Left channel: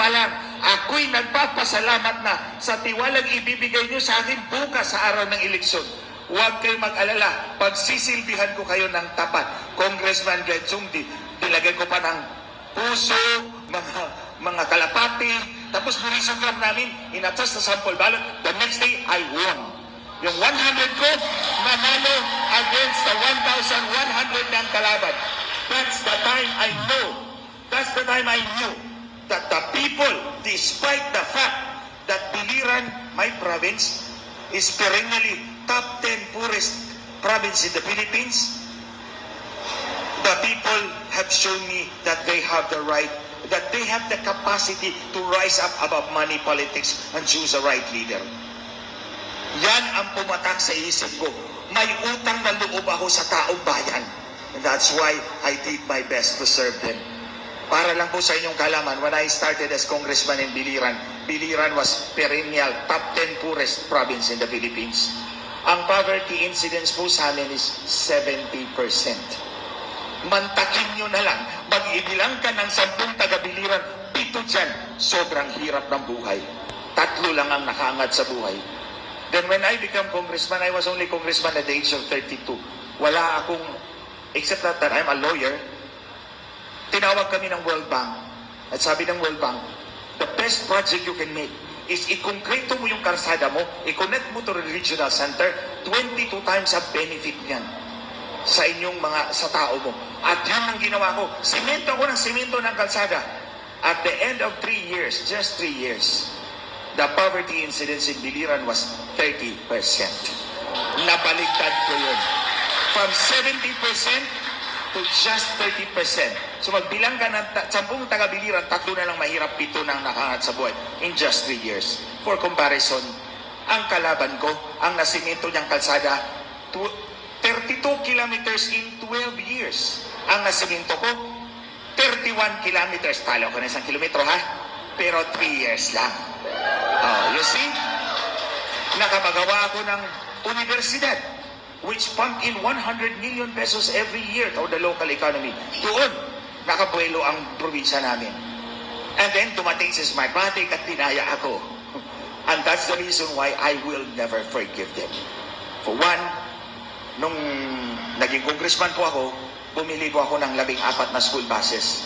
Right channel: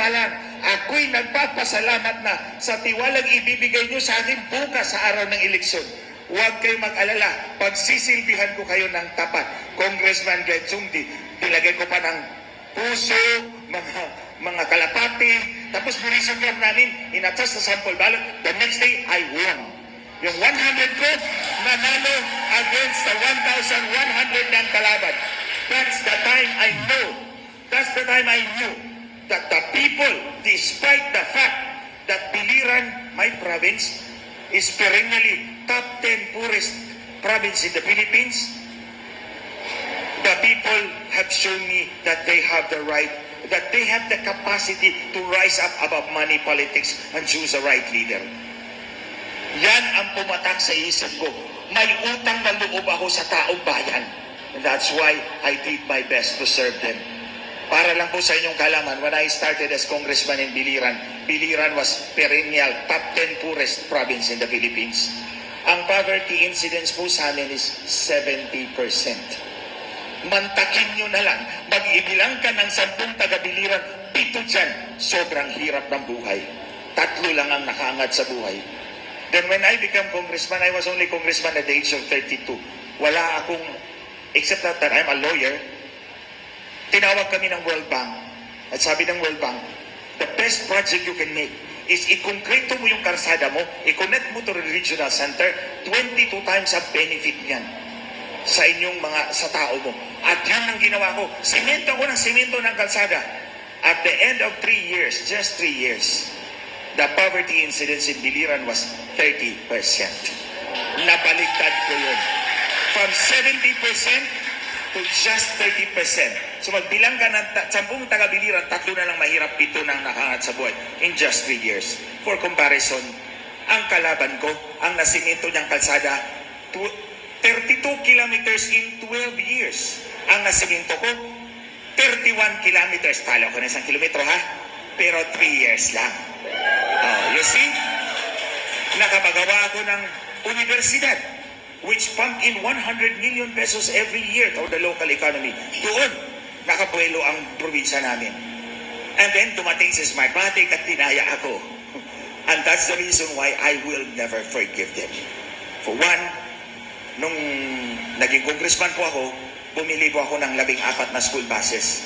pa lang, ako'y nagpapasalamat na sa tiwalang ibibigay nyo sa akin bukas sa araw ng eleksyon. Huwag kayo mag-alala, pagsisilbihan ko kayo ng tapat. Congressman Glenn Zumdi, nilagay ko pa ng puso, mga kalapati, tapos nilisog lang namin, inatas na sample ballot. The next day, I won. Yung 100 ko, nanalo against the 1,100 ng kalaban. That's the time I knew that the people, despite the fact that Biliran, my province, is perennially top 10 poorest province in the Philippines, the people have shown me that they have the right, that they have the capacity to rise up above money politics and choose the right leader. Yan ang pumatak sa isip ko. May utang na loob ako sa taong bayan. And that's why I did my best to serve them. Para lang po sa inyong kalaman, when I started as congressman in Biliran, Biliran was perennial top 10 poorest province in the Philippines. Ang poverty incidence po sa amin is 70%. Mantakin nyo na lang, mag-ibilang ka ng 10 taga-Biliran, 7 dyan, sobrang hirap ng buhay. 3 lang ang nakaangat sa buhay. Then when I became congressman, I was only congressman at the age of 32. Wala akong, except that I'm a lawyer, tinawag kami ng World Bank. At sabi ng World Bank, the best project you can make is i-concreto mo yung karsada mo, i-connect mo to the regional center, 22 times ang benefit niyan sa inyong sa tao mo. At yun ang ginawa ko. Semento ako ng semento ng kalsada. At the end of 3 years, just 3 years, the poverty incidence in Biliran was 30%. Nabaligtad ko yun. From 70% to just 30%. So magbilang ka ng 10 taga-Biliran, 3 na lang mahirap, 7 nang nakaangat sa buhay in just 3 years. For comparison, ang kalaban ko, ang nasimento niyang kalsada, 32 kilometers in 12 years. Ang nasimento ko, 31 kilometers. Talo ko na 1 kilometro, ha? Pero 3 years lang. Oh, you see? Nakapagawa ako ng universidad which pump in 100 million pesos every year to the local economy. Doon, nakabuelo ang probinsya namin. And then, tumating si Smartmatic at tinaya ako. And that's the reason why I will never forgive them. For one, nung naging congressman po ako, bumili po ako ng 14 na school buses.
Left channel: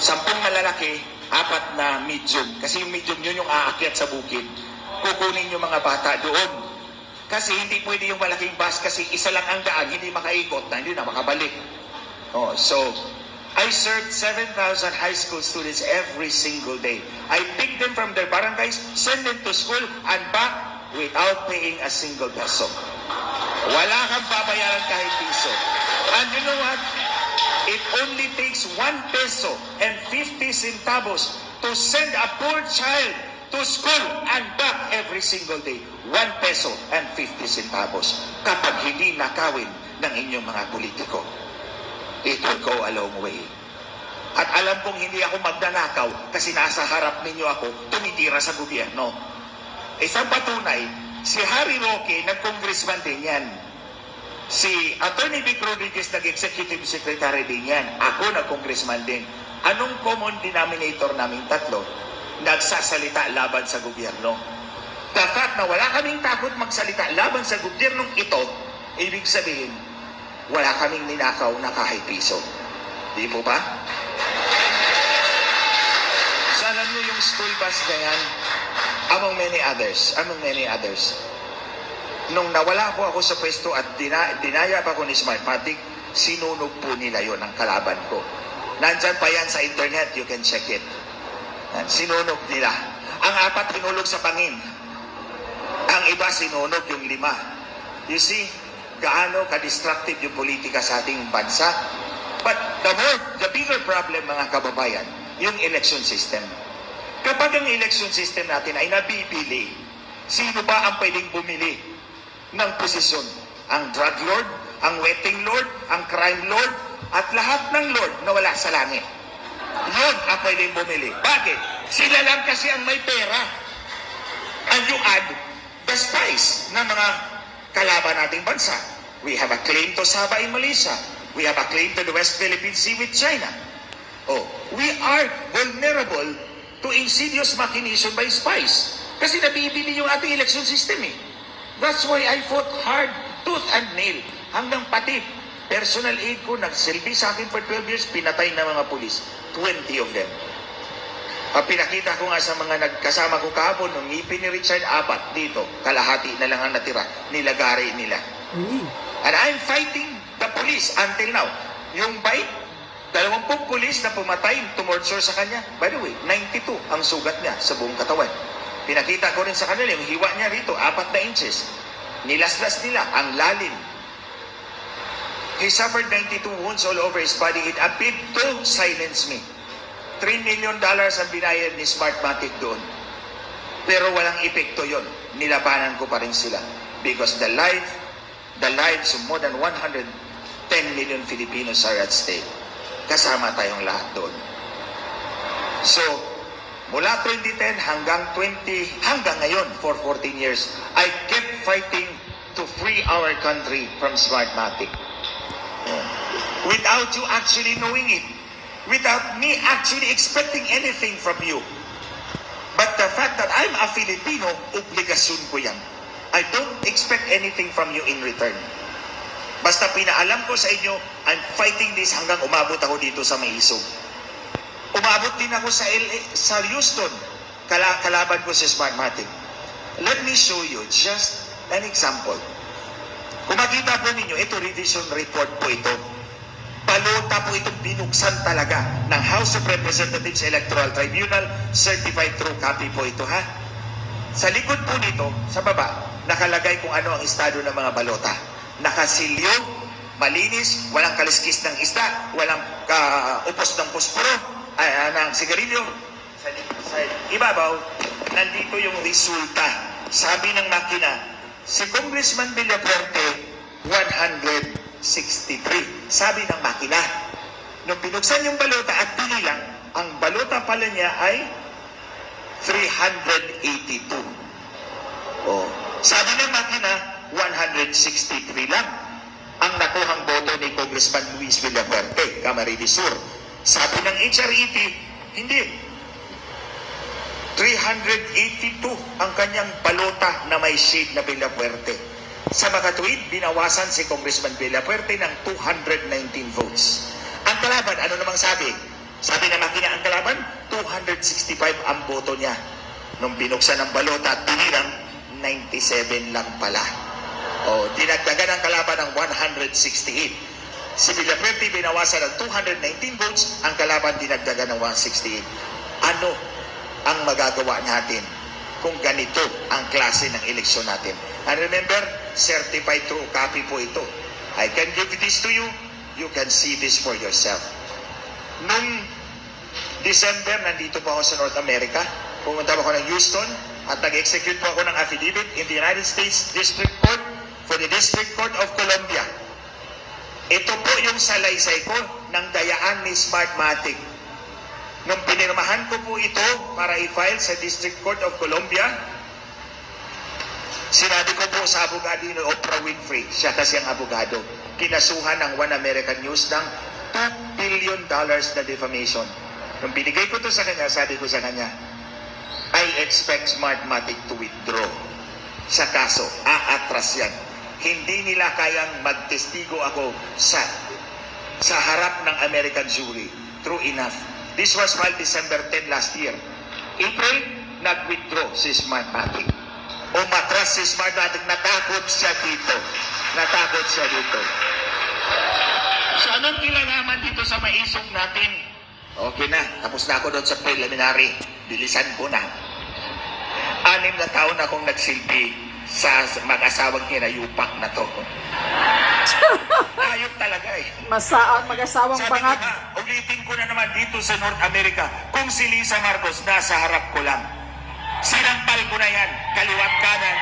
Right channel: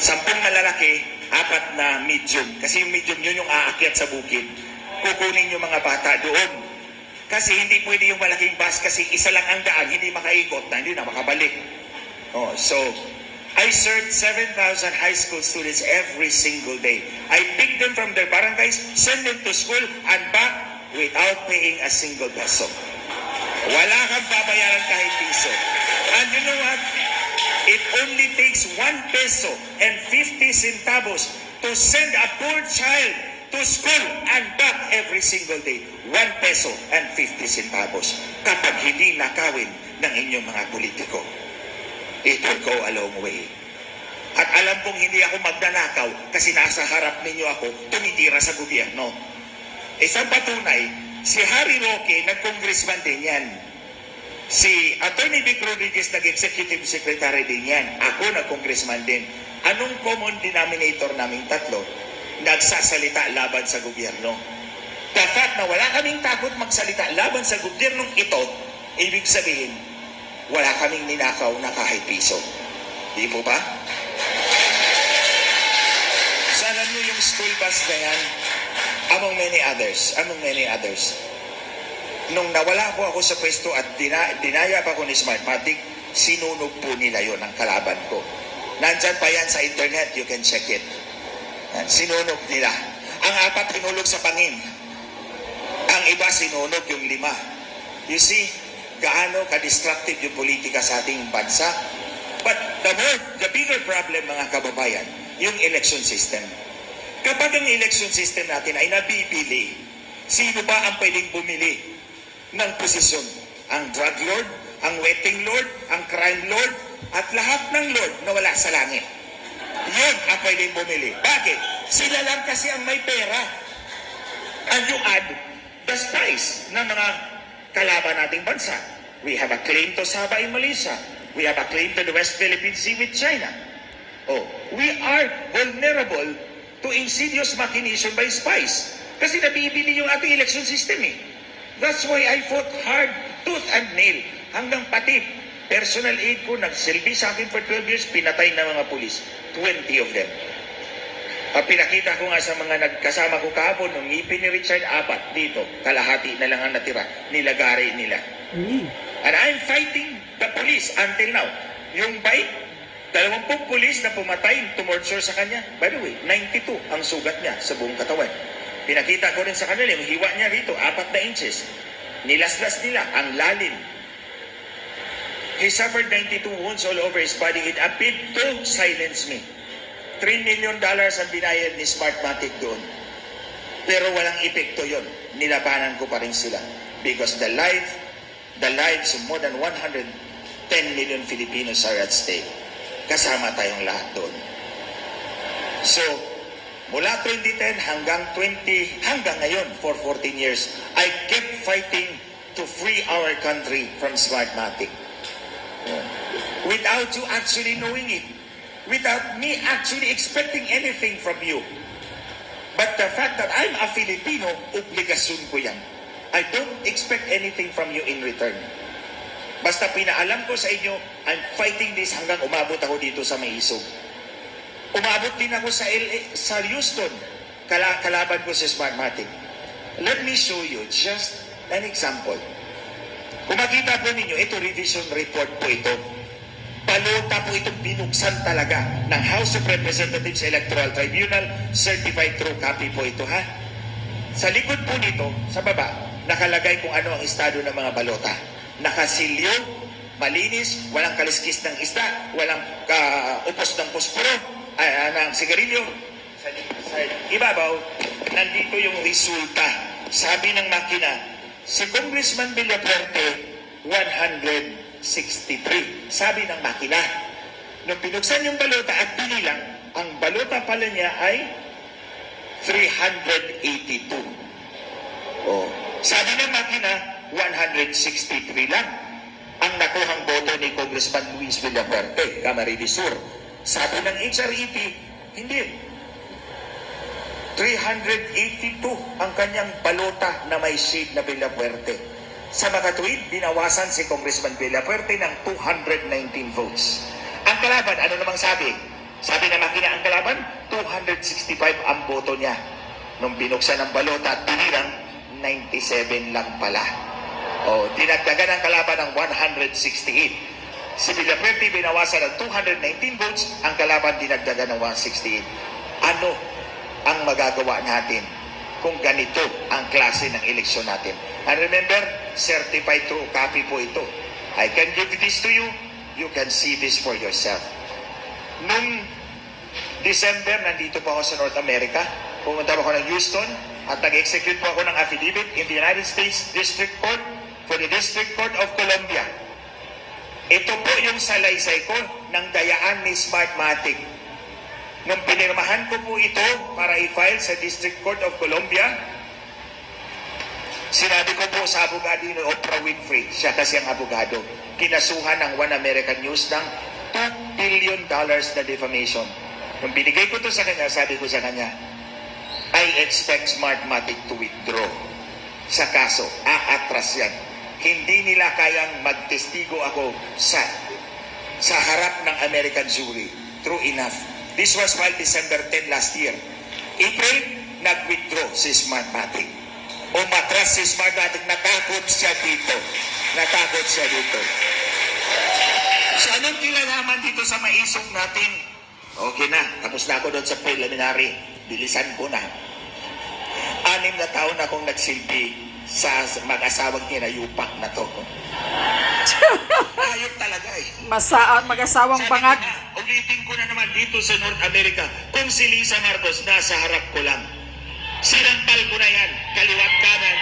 10 na lalaki, 4 na medium. Kasi yung medium yun yung aakyat sa bukid. Kukunin yung mga bata doon. Kasi hindi pwede yung malaking bus kasi isa lang ang daan, hindi makaikot na, hindi na makabalik. Oh, so, I served 7,000 high school students every single day. I picked them from their barangays, send them to school, and back without paying a single peso. Wala kang babayaran kahit piso. And you know what? It only takes 1 peso and 50 centavos to send a poor child to school and back every single day. 1 peso and 50 centavos kapag hindi nakawin ng inyong mga politiko. It will go a long way. At alam kong hindi ako magnanakaw kasi nasa harap ninyo ako tumitira sa gobyerno. Isang patunay, si Harry Roque, nag-congressman din yan. Si Attorney Vic Rodriguez, nag-executive secretary din yan. Ako, nag-congressman din. Anong common denominator naming tatlo? Nagsasalita laban sa gobyerno. The fact na wala kaming takot magsalita laban sa gobyernong ito, ibig sabihin, wala kaming ninakaw na kahit piso. Di po ba? Sana nyo yung school bus na yan, among many others. Nung nawala po ako sa pwesto at dinaya pa ko ni Smartmatic, sinunog po nila yon ang kalaban ko. Nandyan pa yan sa internet, you can check it. Sinunog nila. Ang 4 hinulog sa pangin. Ang iba sinunog yung 5. You see, gaano ka-destructive yung politika sa ating bansa. But the bigger problem, mga kababayan, yung election system. Kapag ang election system natin ay nabibili, sino ba ang pwedeng bumili ng posisyon? Ang drug lord, ang wetting lord, ang crime lord, at lahat ng lord na wala sa langit. Yun ang pwedeng bumili. Bakit? Sila lang kasi ang may pera. And you add the spice ng mga kalaban nating bansa. We have a claim to Sabah in Malaysia. We have a claim to the West Philippine Sea with China. Oh, we are vulnerable to insidious machination by spies. Kasi nabibili yung ating election system eh. That's why I fought hard, tooth and nail, hanggang pati personal aid ko nagsilbi sa akin for 12 years, pinatay na mga pulis. 20 of them. Pinakita ko nga sa mga nagkasama ko kahapon, nung ngipin ni Richard, 4 dito. Kalahati na lang ang natira. Nilagari nila. And I'm fighting the police until now. Yung bike, 20 pulis na pumatay, tumorture sa kanya. By the way, 92 ang sugat niya sa buong katawan. Pinakita ko rin sa kanila, yung hiwa niya rito, 4 na inches. Nilaslas nila, ang lalim. He suffered 92 wounds all over his body. It appeared to silence me. $3 million ang binayad ni Smartmatic doon. Pero walang epekto yon. Nilabanan ko pa rin sila. Because the lives of more than 110 million Filipinos are at stake. Kasama tayong lahat doon. So, mula 2010 hanggang ngayon, for 14 years, I kept fighting to free our country from Smartmatic. Without you actually knowing it. Without me actually expecting anything from you. But the fact that I'm a Filipino, obligasyon ko yan. I don't expect anything from you in return. Basta pinaalam ko sa inyo, I'm fighting this hanggang umabot ako dito sa Maisog. Umabot din ako sa sa Houston. Kalaban ko si Smartmatic. Let me show you just an example. Kung makita po ninyo, ito revision report po ito. Balota po itong binuksan talaga ng House of Representatives Electoral Tribunal, certified true copy po ito, ha? Sa likod po nito, sa baba, nakalagay kung ano ang estado ng mga balota. Nakasilyo, malinis, walang kaliskis ng isda, walang upos ng posporo, ng sigarilyo. Sa ibabaw, nandito yung resulta. Sabi ng makina, si Congressman Villafuerte, 163. Sabi ng makina, nung pinuksan yung balota at pinilang, ang balota pala niya ay 382. Oh. Sabi ng makina, 163 lang ang nakuhang boto ni Congressman Luis Villafuerte, Camarines Sur. Sabi ng HRET, hindi. 382 ang kanyang balota na may shade na Villafuerte. Sa makatwid, binawasan si Congressman Villafuerte ng 219 votes. Ang kalaban, ano namang sabi? Sabi ng makina, ang kalaban, 265 ang boto niya. Nung binuksan ang balota at tinirang, 97 lang pala. O, dinagdagan ang kalaban ng 168. Si Villafuerte binawasan ng 219 votes, ang kalaban dinagdagan ng 168. Ano ang magagawa natin kung ganito ang klase ng eleksyon natin? And remember, certified true copy po ito. I can give this to you. You can see this for yourself. Nung December, nandito po ako sa North America. Pumunta po ako ng Houston at nag-execute po ako ng affidavit in the United States District Court for the District Court of Columbia. Ito po yung salaysay ko ng dayaan ni Smartmatic. Nung pinirmahan ko po ito para i-file sa District Court of Columbia, sinabi ko po sa abogado ni Oprah Winfrey, siya kasi ang abogado, kinasuhan ng One American News ng $2 billion na defamation. Nung binigay ko to sa kanya, sabi ko sa kanya, I expect Smartmatic to withdraw sa kaso. Aatras yan. Hindi nila kayang magtestigo ako sa harap ng American jury. True enough. This was filed December 10 last year. April, nag-withdraw si Smartmatic. Umatras si Smartmatic. Natakot siya dito. Natakot siya dito. So anong kilalaman dito sa maisog natin? Okay na. Tapos na ako doon sa preliminary. Bilisan ko na. 6 na taon akong nagsilbi sa mag-asawang hinayupak na to. Ayun talaga eh. Mag-asawang bangag. Ulitin ko na naman dito sa North America, kung si Lisa Marcos nasa harap ko lang. Sinampal ko na yan, kaliwat kanan,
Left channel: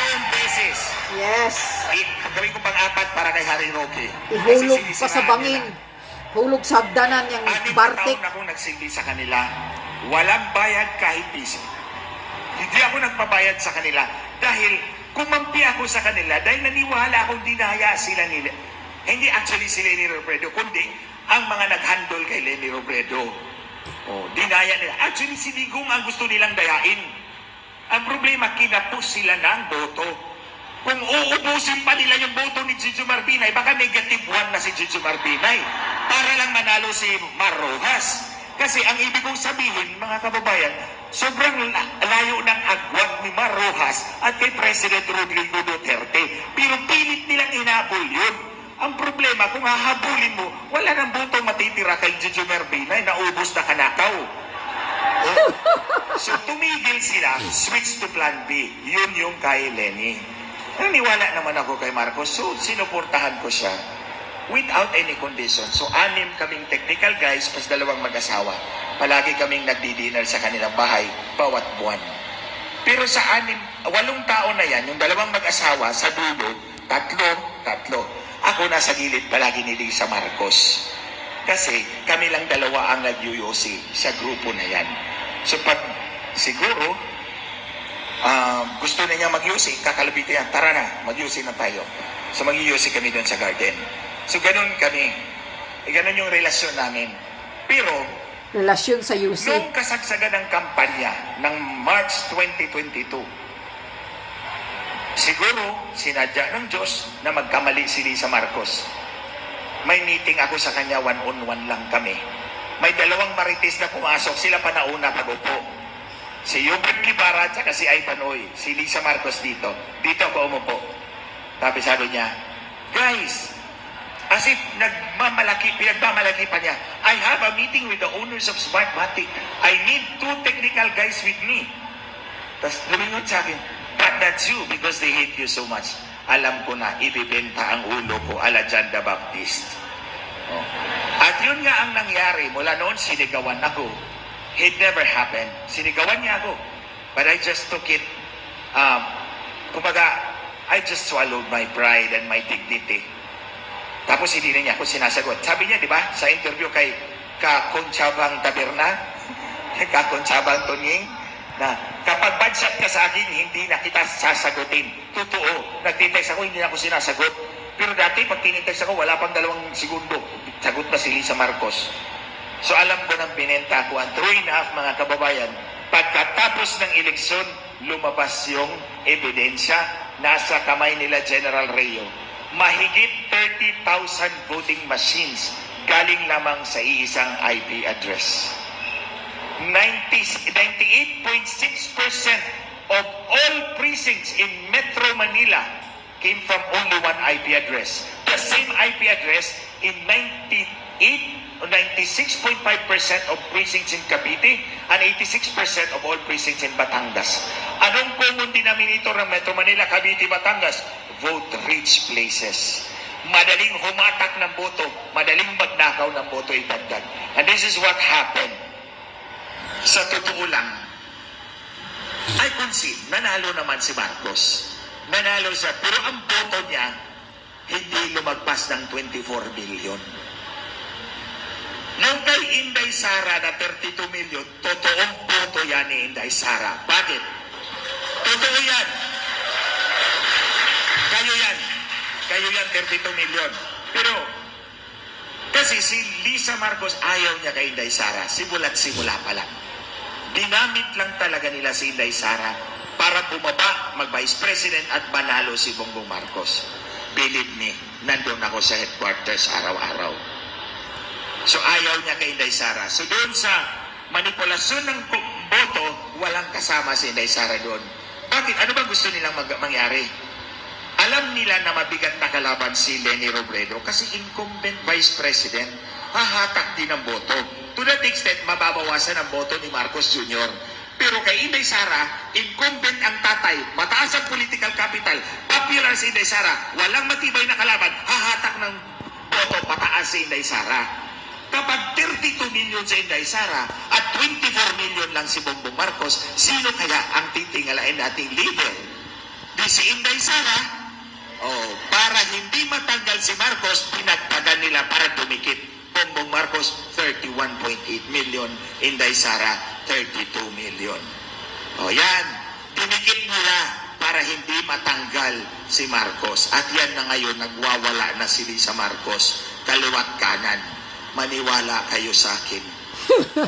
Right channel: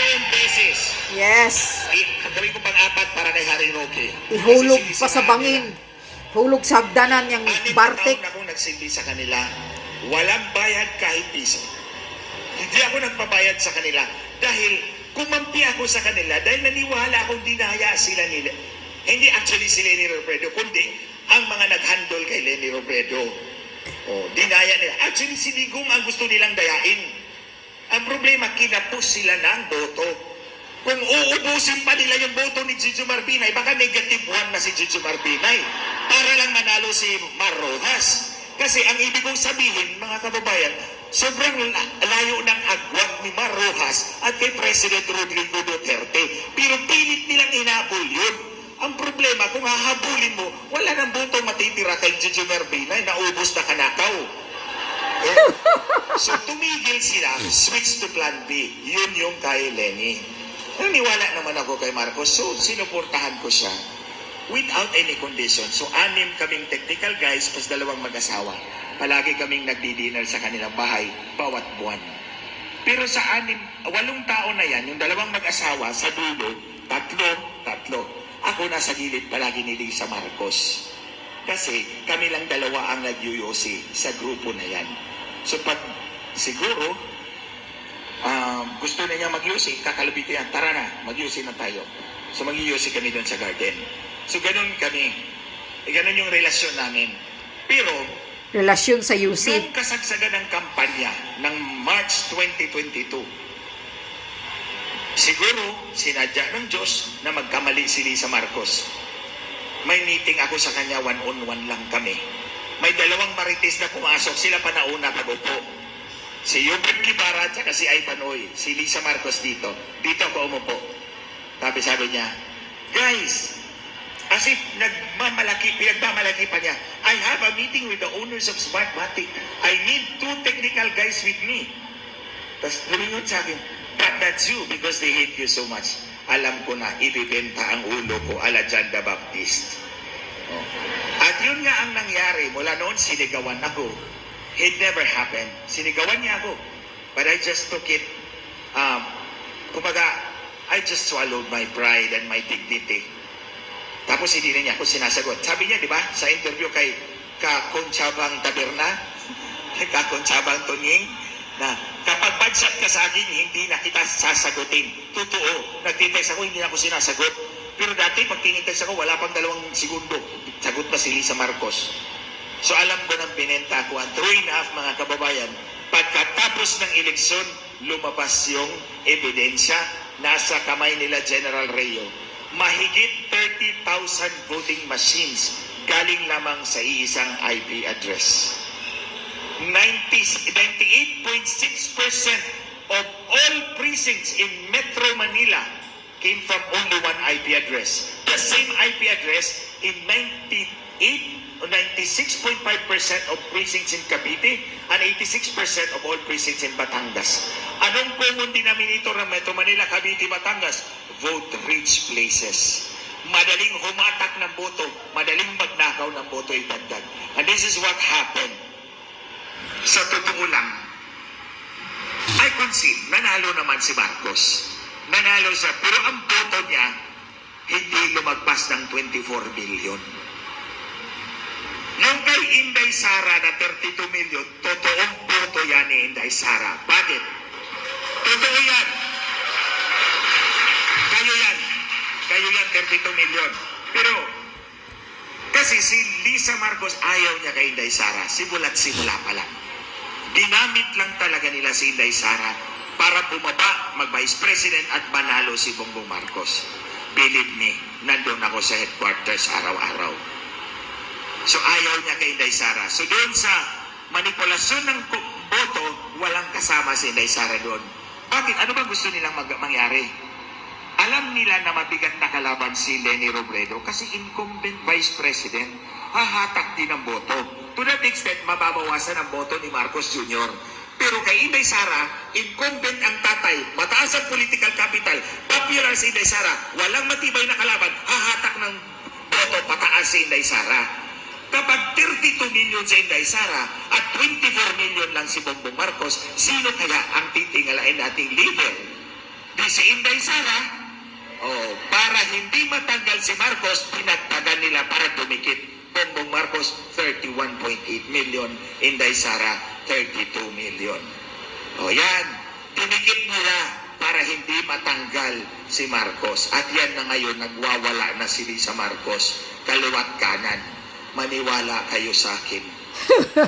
3 beses. Yes. Gawin ko pang-4 para kay Harry Roque. Ihulog pa sa bangin. Hulog sa hagdanan yung Bartik. 6 taon akong nagsilbi sa kanila. Walang bayad kahit piso. Hindi ako nagpabayad sa kanila dahil kumampi ako sa kanila dahil naniwala akong dinaya sila nila. Hindi actually si Leni Robredo, kundi ang mga nag-handle kay Leni Robredo. Dinaya nila. Actually, si Digong ang gusto nilang dayain. Ang problema, kinapos sila ng boto. Kung uubusin pa nila yung boto ni Gigi Marbinay, baka -1 na si Gigi Marbinay para lang manalo si Mar Rojas. Kasi ang ibig kong sabihin, mga kababayan, sobrang layo ng agwat ni Mar Rojas at kay President Rodrigo Duterte. Pero pilit nilang inabol yun. Ang problema, kung hahabulin mo, wala nang boto matitira kay Gigi Marbinay, naubos na kanakaw. So tumigil sila, switch to plan B. Yun yung kay Lenny. Naniwala naman ako kay Marcos, so sinuportahan ko siya without any condition. So 6 kaming technical guys, plus 2 mag-asawa. Palagi kaming nagdi-dinner sa kanilang bahay, bawat buwan. Pero sa 8 tao na yan, yung 2 mag-asawa, sa dulo, 3. Ako nasa gilid palagi ni Lisa Marcos. Kasi kami lang 2 ang nag-UOC sa grupo na yan. So pag siguro, gusto na niya mag-UOC, kakalabitin yan, tara na, mag-UOC na tayo. So mag-UOC kami doon sa garden. So ganun kami. Ganun yung relasyon namin. Pero, Relasyon sa UC. noong kasagsagan ng kampanya ng March 2022, siguro sinadya ng Diyos na magkamali si Lisa Marcos. May meeting ako sa kanya, 1-on-1 lang kami. May 2 marites na pumasok, sila pa nauna pag-upo. Si Yubert Guevara at si Ay Panoy, si Lisa Marcos dito. Dito ako umupo. Tapos sabi niya, guys, as if pinagmamalaki pa niya, I have a meeting with the owners of Smartmatic. I need 2 technical guys with me. Tapos lumingon sa akin, but that's you because they hate you so much. Alam ko na, ibibenta ang ulo ko ala John the Baptist. At yun nga ang nangyari. Mula noon, sinigawan ako. It never happened. Sinigawan niya ako. But I just took it, kumbaga, I just swallowed my pride and my dignity. Tapos hindi na niya ako sinasagot. Sabi niya, di ba, sa interview kay Kakonchabang Taberna, Kakonchabang Tunying, na kapag bad-shot ka sa akin, hindi na kita sasagutin. Totoo, nagtitext ako, hindi na ako sinasagot. Pero dati, pag tinitext ako, wala pang 2 segundo. Sagot pa si Lisa Marcos. So alam ko nang binenta ko ang 3.5 mga kababayan. Pagkatapos ng eleksyon, lumabas yung ebidensya. Nasa kamay nila General Reo. Mahigit 30,000 voting machines galing lamang sa iisang IP address. 98.6% of all precincts in Metro Manila came from only 1 IP address. The same IP address in 96.5% of precincts in Cavite and 86% of all precincts in Batangas. Anong common denominator ng Metro Manila, Cavite, Batangas? Vote-rich places. Madaling humatak ng boto, madaling magnakaw ng boto idagdag. And this is what happened. Sa totoo lang, I concede, nanalo naman si Marcos. Nanalo siya, pero ang boto niya, hindi lumagpas ng 24 billion. Nung kay Inday Sara na 32 million, totoong boto yan ni Inday Sara. Bakit? Totoo yan. Kayo yan, 32 million. Pero, kasi si Lisa Marcos ayaw niya kay Inday Sara. Simula pa lang. Dinamit lang talaga nila si Inday Sara para bumaba, mag-vice president at manalo si Bongbong Marcos. Believe me, nandun ako sa headquarters araw-araw. So ayaw niya kay Inday Sara. So doon sa manipulasyon ng boto, walang kasama si Inday Sara doon. Bakit? Ano bang gusto nilang mangyari? Alam nila na mabigat na kalaban si Leni Robredo kasi incumbent vice president, hahatak din ang boto. To that extent, mababawasan ang boto ni Marcos Jr. Pero kay Inday Sara, incumbent ang tatay, mataas ang political capital, popular si Inday Sara, walang matibay na kalaban, hahatak ng boto pataas si Inday Sara. Kapag 32 million si Inday Sara at 24 million lang si Bongbong Marcos, sino kaya ang titingalain nating leader? Di si Inday Sara? Para hindi matanggal si Marcos, pinagtagan nila para dumikit. Bongbong Marcos, 31.8 million. Inday Sara, 32 million. Yan. Dumikit nila para hindi matanggal si Marcos. At yan na ngayon, nagwawala na si Lisa Marcos. Kaliwat kanan. Maniwala kayo sa akin.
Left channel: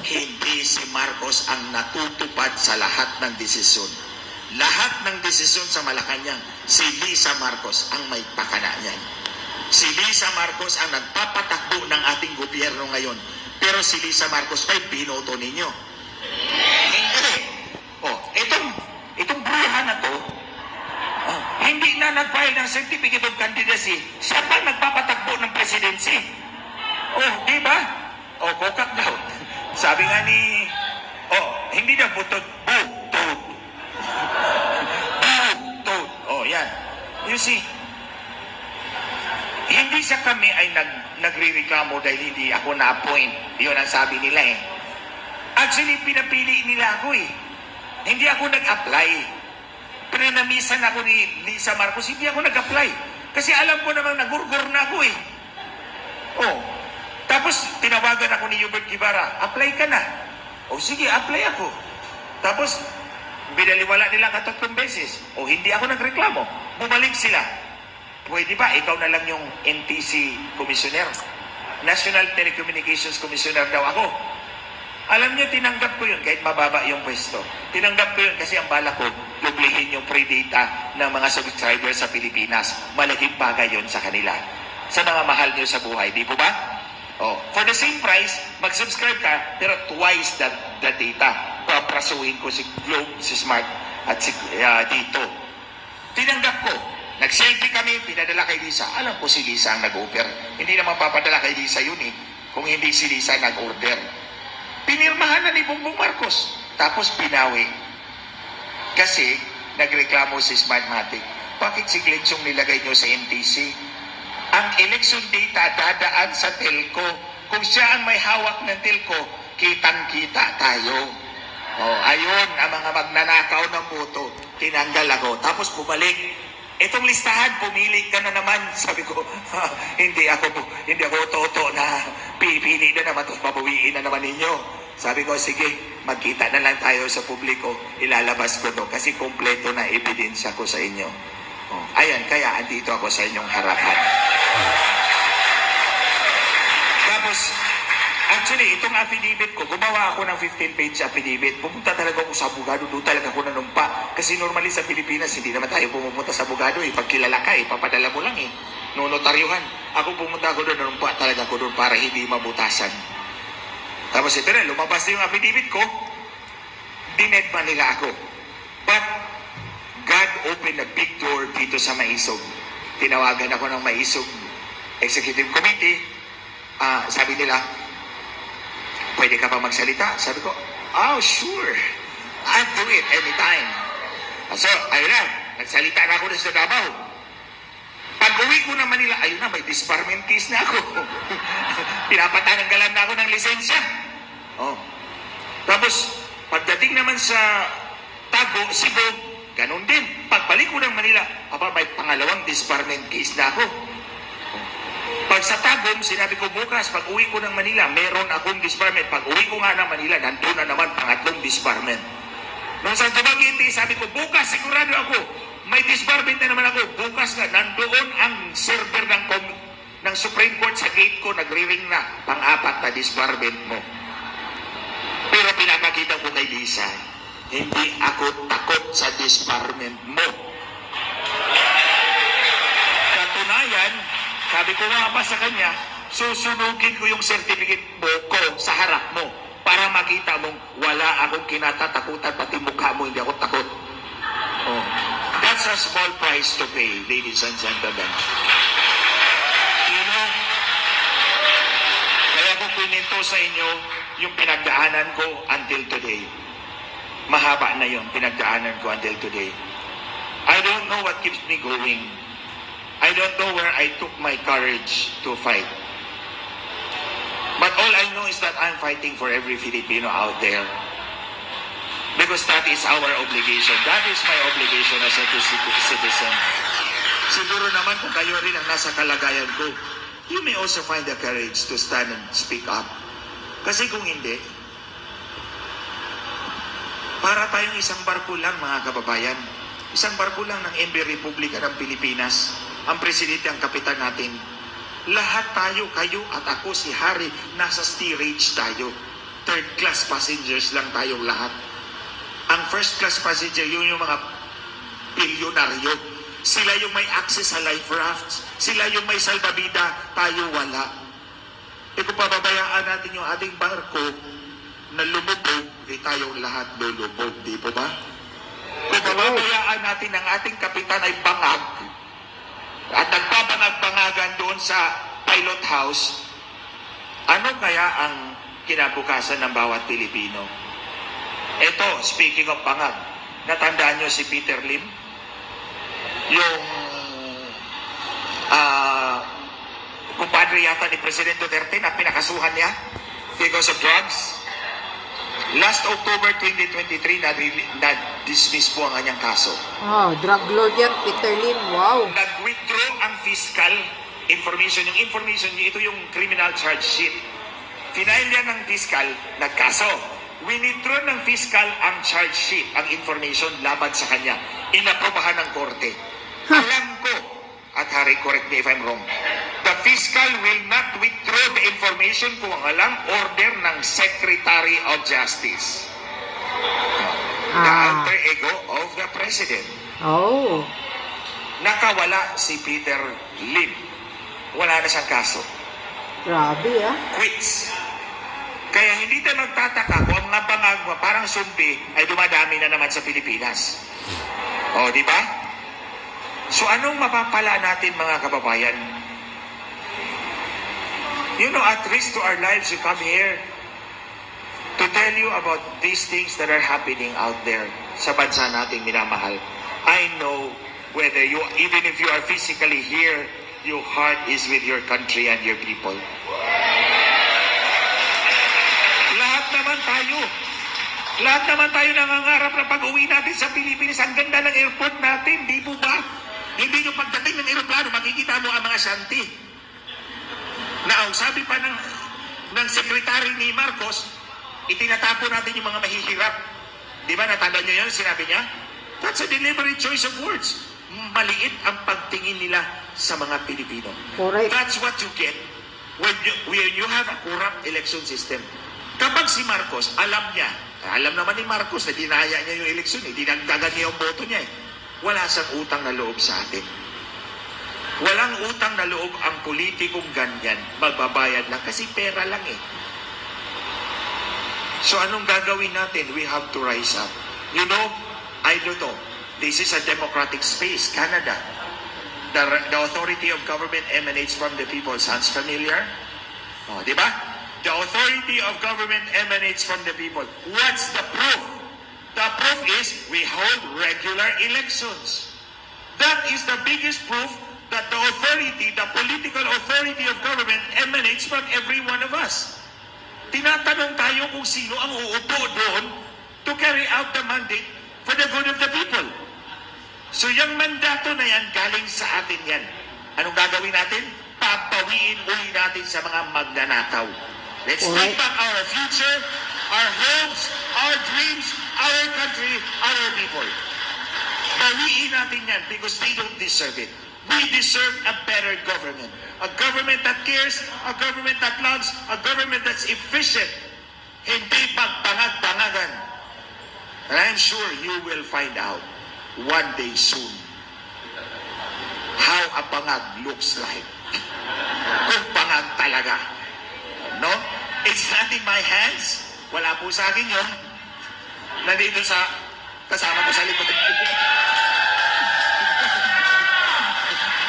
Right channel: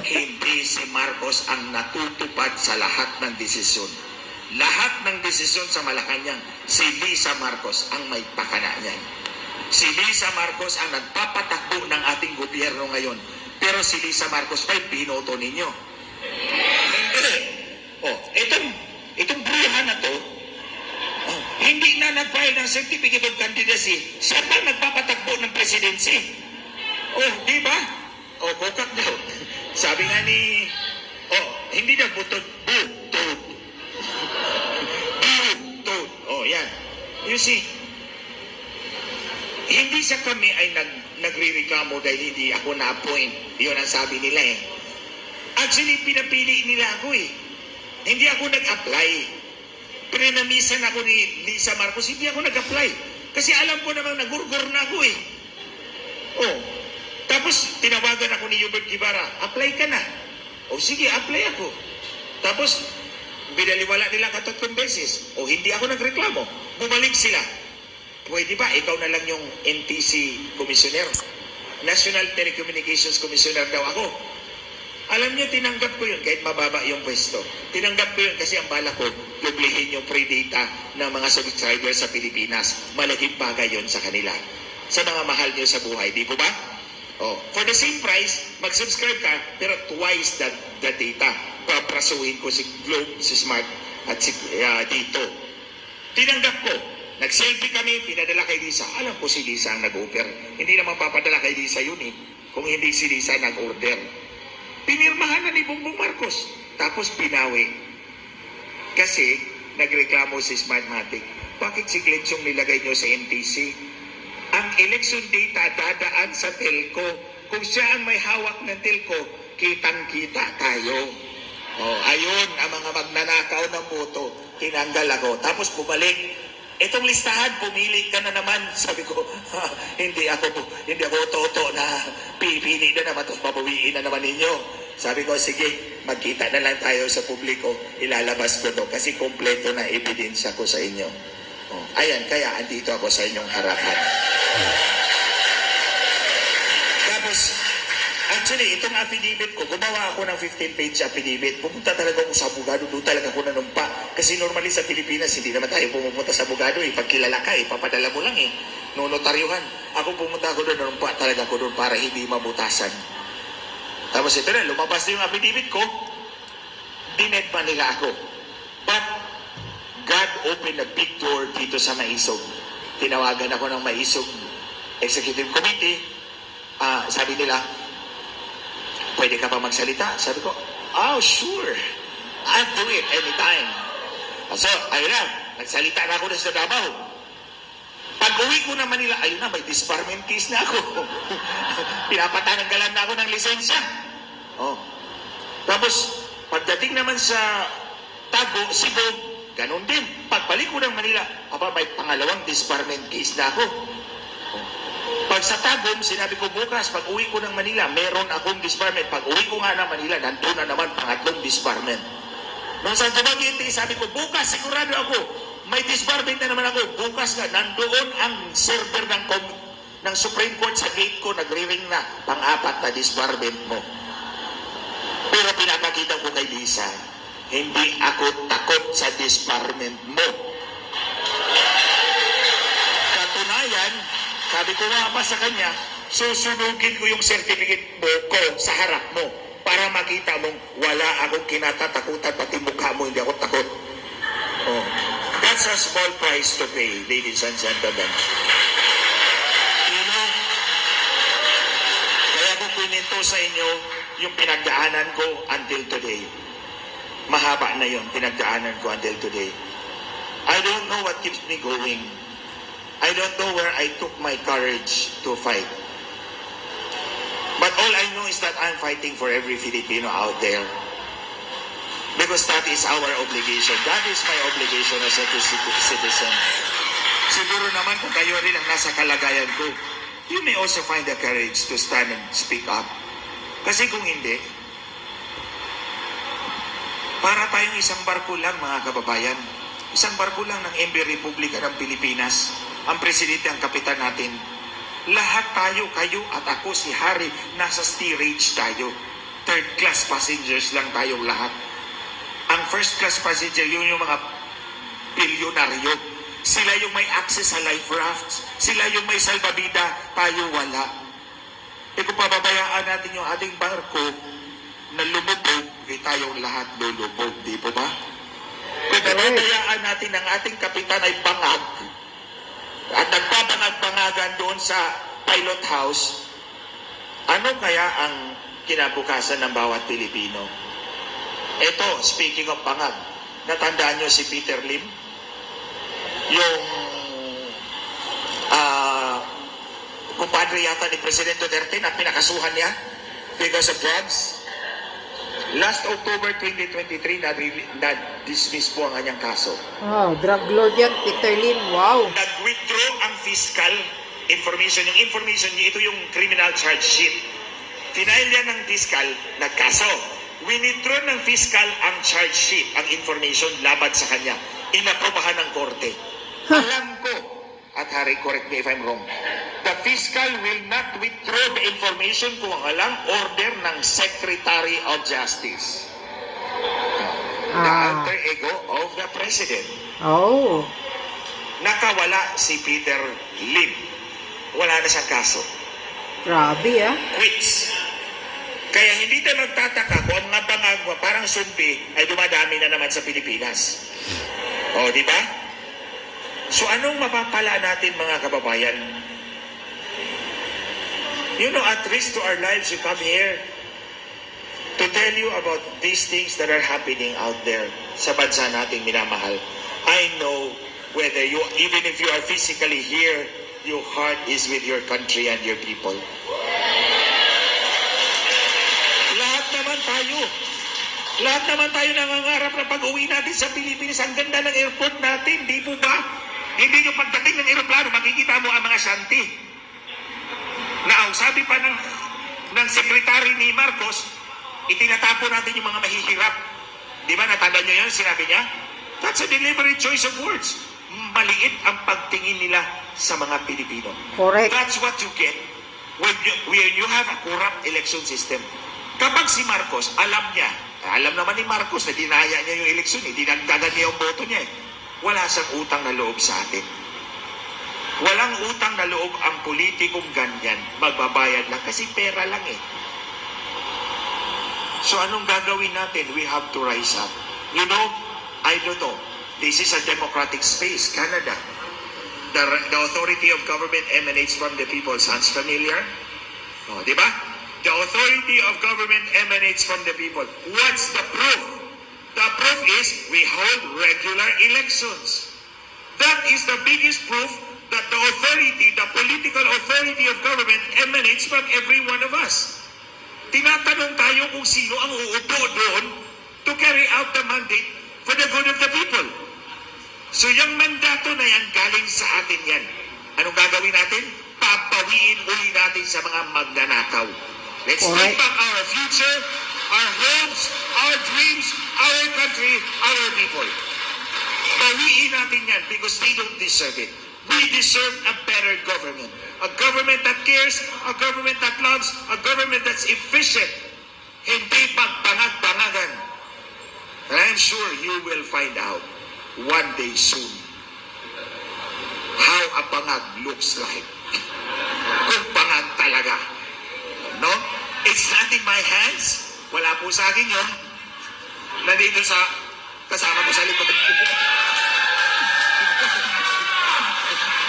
Hindi si Marcos ang natutupad sa lahat ng desisyon. Lahat ng desisyon sa Malacanang, si Lisa Marcos ang may pakana niyan. Si Lisa Marcos ang nagpapatakbo ng ating gobyerno ngayon. Pero si Lisa Marcos ay binoto ninyo. Hindi. Itong bruha na to, hindi na nag-file ng certificate of candidacy. Siya pa nagpapatakbo ng presidency. Di ba? Kokak daw. Sabi nga ni, hindi na butod, butod. Butod. Yan. You see, hindi sa kami ay nagre-reklamo dahil hindi ako na-appoint. Yun ang sabi nila eh. Actually, pinapili nila ako eh. Hindi ako nag-apply. Prenamisan ako ni Lisa Marcos, hindi ako nag-apply. Kasi alam ko namang nagurgur na ako eh. Tapos, tinawagan ako ni Hubert Guevara, apply ka na. Sige, apply ako. Tapos, binaliwala nila 3 beses. Hindi ako nagreklamo. Bumalik sila. Pwede ba? Ikaw na lang yung NTC Commissioner. National Telecommunications Commissioner daw ako. Alam niyo, tinanggap ko yun kahit mababa yung pwesto. Tinanggap ko yun kasi ang bala ko, dublihin yung free data ng mga subscribers sa Pilipinas. Malaking bagay yun sa kanila. Sa mga mahal niyo sa buhay. Di po ba? For the same price, mag-subscribe ka, pero twice the data. Paprasuhin ko si Globe, si Smart, at si Dito. Tinanggap ko. Nag-selfie kami, pinadala kay Lisa. Alam ko si Lisa ang nag-offer. Hindi naman papadala kay Lisa yun eh. Kung hindi si Lisa nag-order. Pinirmahan na ni Bongbong Marcos. Tapos pinawi. Kasi nagreklamo si Smartmatic. Bakit si Glensyong nilagay nyo sa NTC? Ang election data dadaan sa telco. Kung siya ang may hawak ng telco, kitang-kita tayo. Ayun, ang mga magnanakaw ng boto, tinanggal ako. Tapos bumalik. Itong listahan, pumili ka na naman. Sabi ko, hindi ako toto na pipili na naman, tapos mabuwiin na naman ninyo. Sabi ko, sige, magkita na lang tayo sa publiko, ilalabas ko to kasi kompleto na ebidensya ko sa inyo. Ayan, kaya andito ako sa inyong harapan. Tapos, actually, itong affidavit ko, gumawa ako ng 15-page affidavit. Pumunta talaga ako sa abogado, doon talaga ako nanumpa. Kasi normally sa Pilipinas, hindi naman tayo pumunta sa abogado. Pag kilala ka, papadala mo lang eh. Notaryuhan. Ako pumunta ako doon, nanumpa talaga ako doon para hindi mabutasan. Tapos ito na, lumabas na yung affidavit ko, dinedma nila ako. But, God opened a big door dito sa Maisog. Tinawagan ako ng Maisog Executive Committee. Sabi nila, pwede ka pa magsalita? Sabi ko, sure. I'll do it anytime. So, ayun na. Nagsalita na ako na sa Davao. Pag-uwi ko na Manila, ayun na, may disbarment case na ako. Pinapatanggalan na ako ng lisensya. Tapos, pagdating naman sa Tago, Cebu, ganun din. Pagbalik ko ng Manila, may pangalawang disbarment case na ako. Pag sa Tagum, sinabi ko bukas, pag uwi ko ng Manila, meron akong disbarment. Pag uwi ko nga ng Manila, nandun na naman pangatlong disbarment. Nung sa Dumaguete, sabi ko, bukas, sigurado ako, may disbarment na naman ako. Bukas nga, nandoon ang server ng Supreme Court sa gate ko, nagre-ring na, pang-apat na disbarment mo. Pero pinapakita ko kay Lisa, hindi ako takot sa disbarment mo. Katunayan, sabi ko nga pa sa kanya, susunugin ko yung certificate mo ko sa harap mo para makita mong wala akong kinatatakutan, pati mukha mo hindi ako takot. That's a small price to pay, ladies and gentlemen. Kaya ko pininto sa inyo yung pinagdaanan ko until today. Mahaba na yung pinagdaanan ko until today. I don't know what keeps me going. I don't know where I took my courage to fight. But all I know is that I'm fighting for every Filipino out there. Because that is our obligation. That is my obligation as a citizen. Siguro naman kung kayo rin ang nasa kalagayan ko, you may also find the courage to stand and speak up. Kasi kung hindi, para tayong isang barko lang, mga kababayan. Isang barko lang ng MB Republika ng Pilipinas. Ang presidente ang kapitan natin. Lahat tayo, kayo at ako, si Harry, nasa steerage tayo. third-class passengers lang tayong lahat. Ang first-class passenger, yun yung mga bilyonaryo. Sila yung may access sa life rafts. Sila yung may salbabida, tayo wala. E kung pababayaan natin yung ating barko na lumubog, tayong lahat lulubog, di po ba? Kung pababayaan natin ang ating kapitan ay bangag, at nagpabangag-bangagan doon sa pilot house, ano kaya ang kinabukasan ng bawat Pilipino? Ito, speaking of bangag, natandaan nyo si Peter Lim? Yung kumpadre yata ni Presidente Duterte na pinakasuhan niya because of drugs. Last October 2023, na-dismiss po ang kanyang kaso. Oh, drug lord yan, Peter Lim. Wow. Nag-withdraw ang fiscal information. Yung information niya, ito yung criminal charge sheet. Final yan ng fiscal, nagkaso. Withdraw ng fiscal ang charge sheet, ang information laban sa kanya. Inaprobahan ng korte. Alam ko, at Harry, correct me if I'm wrong, the fiscal will not withdraw the information kung walang order ng Secretary of Justice. The alter ego of the President. Oh. Nakawala si Peter Lim. Wala na siyang kaso. Grabe ah. Quits. Kaya hindi tayo magtataka kung ang mga bangagwa parang sumpi ay dumadami na naman sa Pilipinas. O, di ba? So anong mapapala natin mga kababayan? You know, at risk to our lives, we come here to tell you about these things that are happening out there sa bansa nating minamahal. I know whether you, even if you are physically here, your heart is with your country and your people. Lahat naman tayo nangangarap na pag-uwi natin sa Pilipinas. Ang ganda ng airport natin, di po ba? Hindi yung pagdating ng aeroplano, makikita mo ang mga shanty. Na ang sabi pa ng sekretary ni Marcos, itinatapo natin yung mga mahihirap. Di ba, natanda nyo yan, sinabi niya? That's a deliberate choice of words. Maliit ang pagtingin nila sa mga Pilipino. Correct. That's what you get when you have a corrupt election system. Kapag si Marcos, alam naman ni Marcos na dinaya niya yung eleksyon, dinagdagan niya yung boto niya. Wala siyang utang na loob sa atin. Walang utang na loob ang politikong ganyan. Magbabayad lang kasi pera lang eh. So anong gagawin natin? We have to rise up. You know, I don't know. This is a democratic space, Canada. The authority of government emanates from the people. Sounds familiar? Oh, di ba? The authority of government emanates from the people. What's the proof? The proof is we hold regular elections. That is the biggest proof that the authority, the political authority of government emanates from every one of us. Tinatanong tayo kung sino ang uupo doon to carry out the mandate for the good of the people. So yung mandato na yan, galing sa atin yan. Anong gagawin natin? Papawiin uli natin sa mga magnanakaw. Let's take back our future, our hopes, our dreams, our country, our people. Bawiin natin yan because they don't deserve it. We deserve a better government. A government that cares, a government that loves, a government that's efficient. Hindi pagpangag-pangagan. And I'm sure you will find out one day soon how a pangag looks like. Kung pangag talaga. No? It's not in my hands. Wala po sa akin yun. Nandito sa kasama ko sa likod.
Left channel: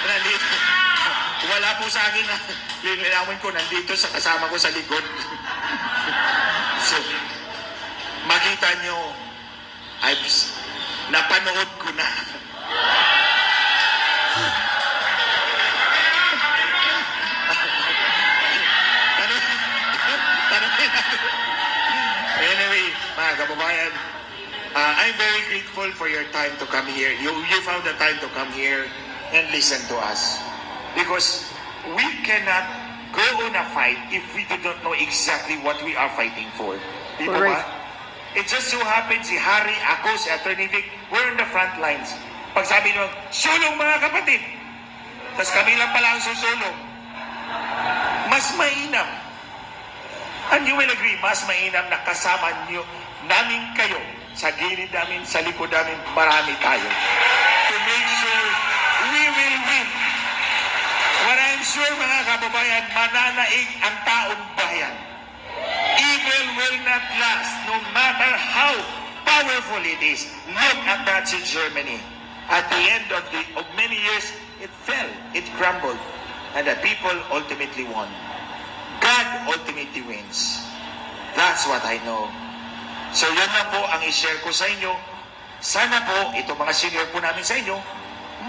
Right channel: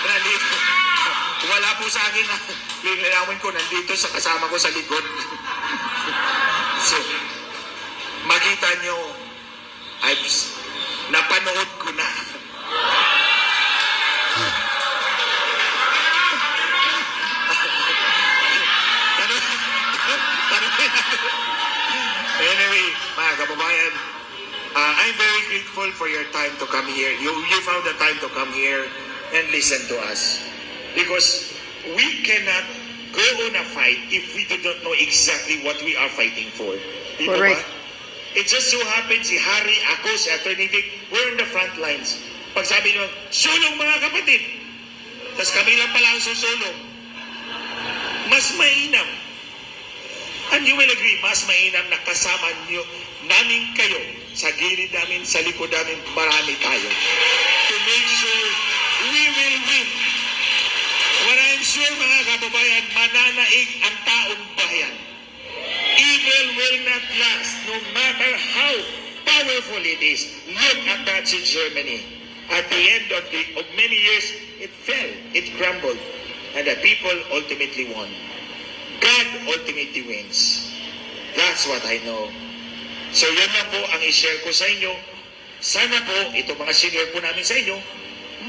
Nandito. Wala po sa akin. Lilinawin ko, nandito sa kasama ko sa likod. So, makita nyo, napanood ko na. Anyway, mga kababayan, I'm very grateful for your time to come here. You found the time to come here and listen to us. Because we cannot go on a fight if we do not know exactly what we are fighting for. Di ba ba? It just so happens, si Harry, ako, si Attorney Vic, we're on the front lines. Pag sabi nyo, sulong mga kapatid. Tapos kami lang pala ang susulong. Mas mainam And you will agree, mas mainam na kasama niyo namin kayo sa gilid namin, sa likod namin, marami tayo. To make sure we will win. What I'm sure, mga kababayan, mananaig ang taong bayan. Evil will not last, no matter how powerful it is. Look at Nazi Germany. At the end of many years, it fell, it crumbled, and the people ultimately won. God ultimately wins. That's what I know. So yan lang po ang i-share ko sa inyo. Sana po, ito mga senior po namin sa inyo,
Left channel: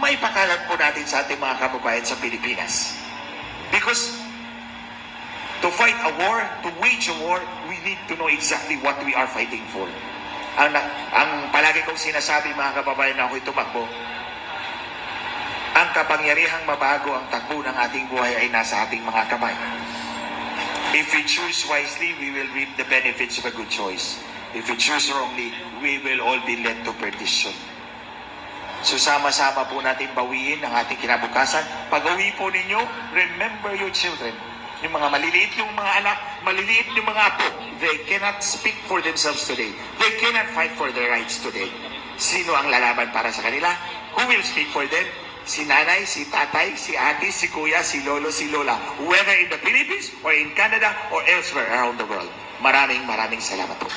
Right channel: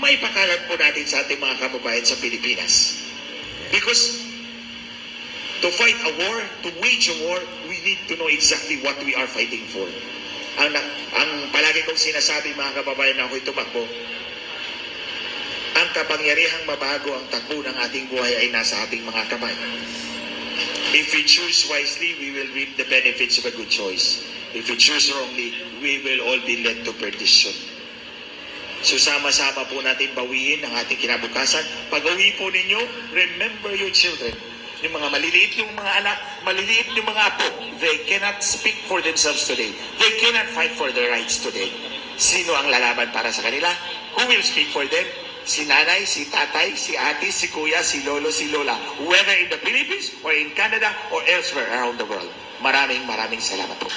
may pakalat po natin sa ating mga kababayan sa Pilipinas. Because to fight a war, to wage a war, we need to know exactly what we are fighting for. Ang palagi kong sinasabi, mga kababayan, na ako'y tumakbo, ang kapangyarihang mabago ang takbo ng ating buhay ay nasa ating mga kamay. If we choose wisely, we will reap the benefits of a good choice. If we choose wrongly, we will all be led to perdition. So sama-sama po natin bawiin ang ating kinabukasan. Pag-uwi po ninyo, remember your children. Yung mga maliliit yung mga anak, maliliit yung mga apo, they cannot speak for themselves today. They cannot fight for their rights today. Sino ang lalaban para sa kanila? Who will speak for them? Si nanay, si tatay, si ate, si kuya, si lolo, si lola. Whether in the Philippines or in Canada or elsewhere around the world. Maraming salamat po.